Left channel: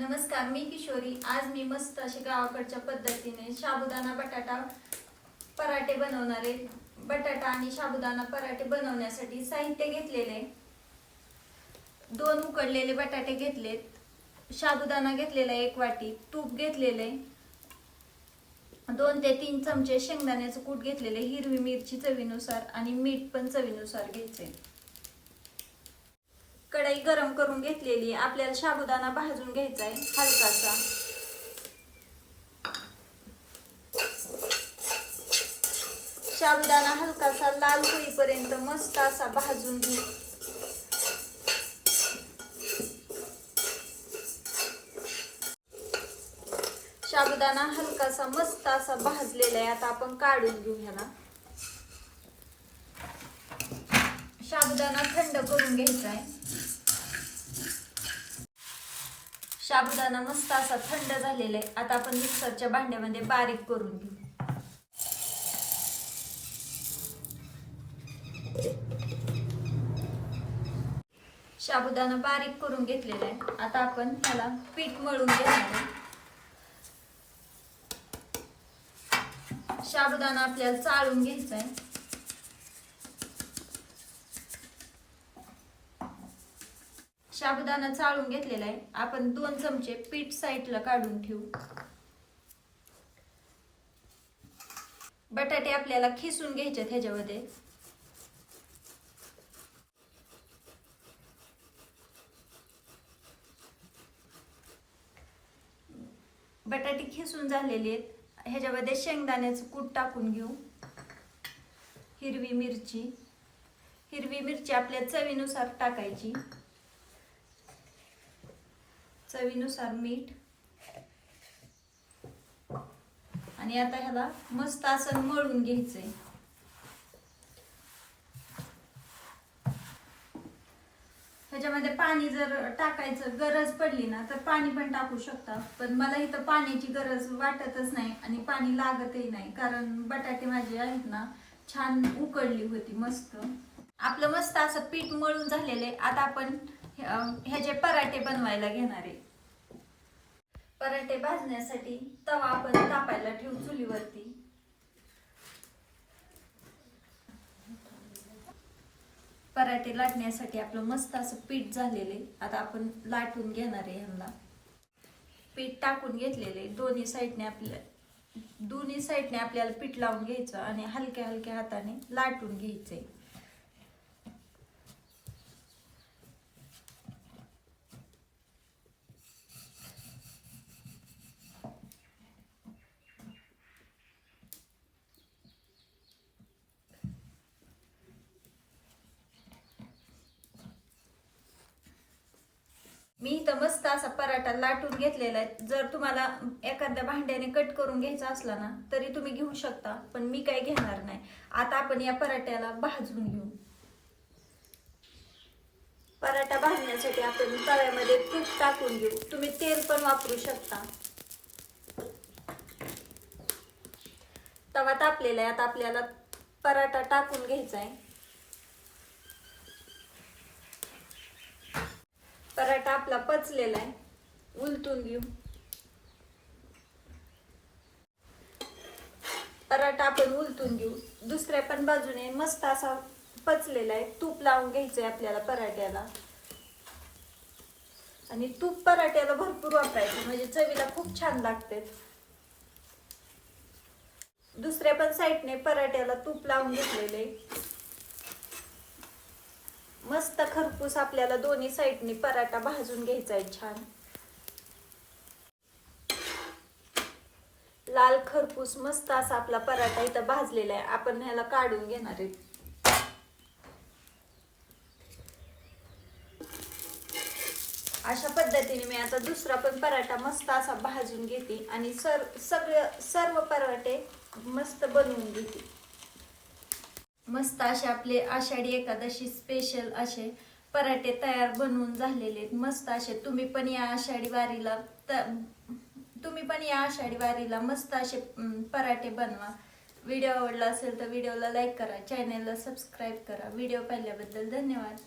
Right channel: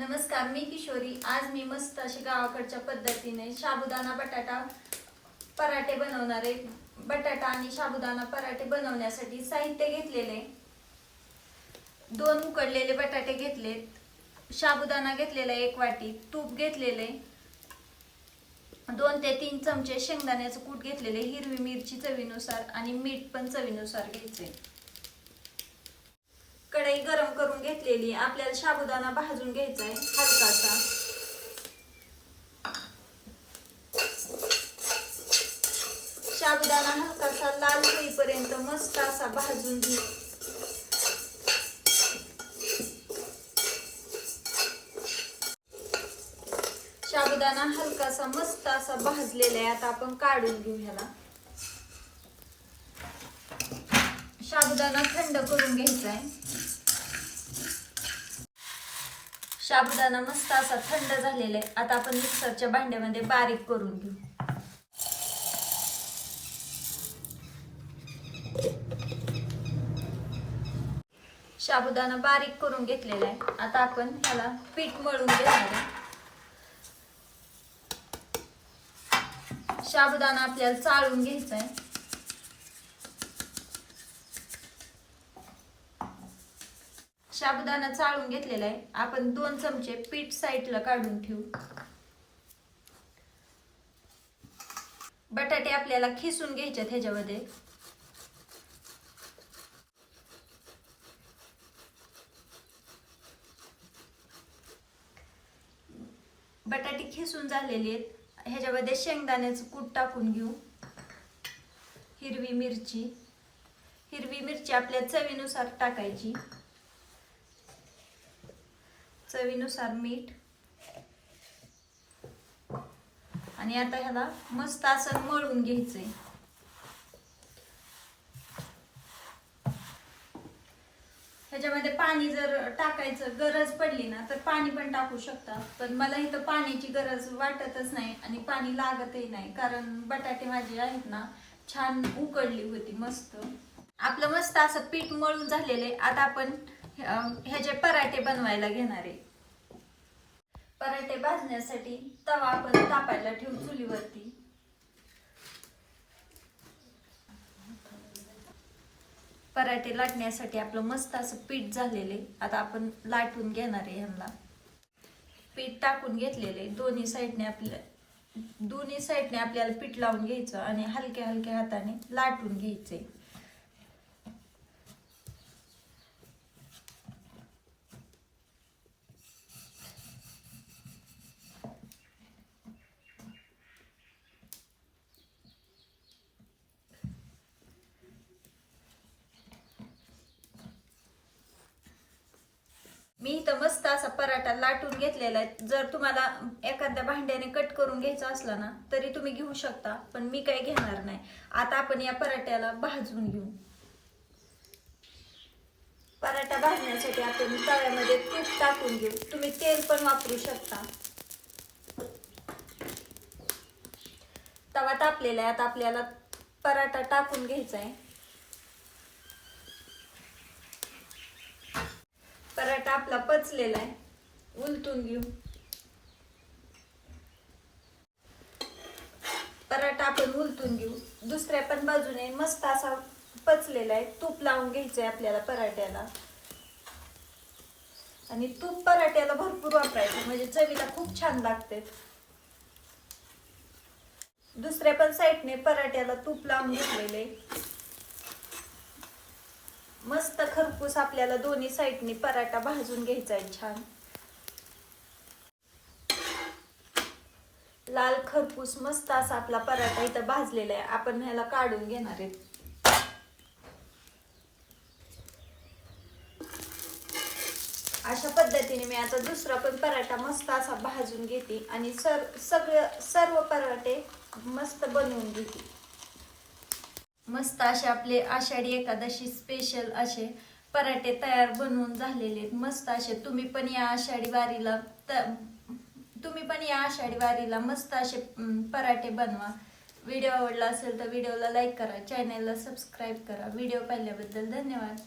नमस्कार मी किशोरी. आज मी मस्त अशी गावाकडच्या पद्धतीने साबुदाणा बटाटा पराठे बनवणार आहे. बटाटा आणि साबुदाणा पराठे बनवण्यासाठी साहित्य घेतलेले. दोन उकडलेले बटाटे घेतलेत. साबुदाणा घेतलेला एक वाटी तूप घेतलेले. दोन ते तीन चमचे शेंगदाण्याचं कूट घेतलेले. हिरवी मिरची चवीनुसार आणि मीठ पण चवीनुसार घ्यायचे. कढई गरम करून घेतलेली. आपल्याला साबुदाणा भाजून घ्यायचा आहे हलकासा. साबुदाणा हलकासा लाल होईपर्यंत मस्त असा भाजून घे. साबुदाणा हलकासा मस्त असा भाजलेला आहे आता आपण काढून घेऊ ह्याला. साबुदाणा थंड करून घ्यायचा आहे साबुदाणा मस्त असा थंड झालेला आहे. आता आपण मिक्सरच्या भांड्यामध्ये बारीक करून घेऊ. साबुदाणा बारीक करून घेतलेला आहे. आता आपण ह्याला पीठ मळून घेणार आहे. साबुदाणा आपल्याला चाळून घ्यायचा आहे. साबुदाणा चाळून घेतलेला आहे. आपण दोन चमचे पीठ साईडला काढून ठेवू. बटाटे आपल्याला खिसून घ्यायचे ह्याच्यामध्ये. बटाटे खिसून झालेले आहेत. ह्याच्यामध्ये शेंगदाण्याचं कूट टाकून घेऊ. हिरवी मिरची. हिरवी मिरची आपल्या चवीनुसार टाकायची. चवीनुसार मीठ. आणि आता ह्याला मस्त असं मळून घ्यायचंय. ह्याच्यामध्ये पाणी जर टाकायचं गरज पडली ना तर पाणी पण टाकू शकता. पण मला इथं पाण्याची गरज वाटतच नाही आणि पाणी लागतही नाही. कारण बटाटे माझे आहेत ना छान उकडली होती मस्त. आपलं मस्त असं पीठ मळून झालेलं आहे. आता आपण ह्याचे पराठे बनवायला घेणार आहे. पराठे भाजण्यासाठी तवा आपण तापायला ठेवू चुलीवरती. पराठे लाटण्यासाठी आपलं मस्त असं पीठ झालेले. आता आपण लाटून घेणार आहे ह्यांना. पीठ टाकून घेतलेले. दोन्ही साईडने आपल्या दोन्ही साईडने आपल्याला पीठ लावून घ्यायचं आणि हलक्या हलक्या हाताने लाटून घ्यायचे. मी इथं मस्त असा पराठा लाटून घेतलेला आहे. जर तुम्हाला एखाद्या भांड्याने कट करून घ्यायचा असला ना तरी तुम्ही घेऊ शकता पण मी काही घेणार नाही. आता आपण या पराठ्याला भाजून घेऊ. पराठा भाजण्यासाठी आपण तव्यामध्ये तूप टाकून घेऊ. तुम्ही तेल पण वापरू शकता. तवा तापलेला आहे. आता आपल्याला पराठा टाकून घ्यायचा आहे. पराठा आपला पचलेला आहे. उलटून घेऊ. पराठा आपण उलटून घेऊ. दुसऱ्या पण बाजूने मस्त असा पचलेला आहे. तूप लावून घ्यायचंय आपल्याला पराठ्याला. आणि तूप पराठ्याला भरपूर वापरायचं. म्हणजे चवीला खूप छान लागते. दुसऱ्या पण साईडने पराठ्याला तूप लावून घेतलेले मस्त आपल्याला दोन्ही साईडनी पराठा भाजून घ्यायचा आहे छान. लाल खरपूस मस्त असा आपला पराठा इथं भाजलेला आहे. आपण ह्याला काढून घेणार आहे. अशा पद्धतीने मी आता दुसरा पण पराठा मस्त असा भाजून घेते आणि सर सगळे सर्व पराठे मस्त बनवून घेते. मस्त असे आपले आषाढी एकादशी स्पेशल असे पराठे तयार बनवून झालेले आहेत. मस्त असे. तुम्ही पण या आषाढी वारीला तुम्ही पण या आषाढी वारीला मस्त असे पराठे बनवा. व्हिडिओ आवडला असेल तर व्हिडिओला लाईक करा. चॅनलला सबस्क्राईब करा. व्हिडिओ पाहिल्याबद्दल धन्यवाद.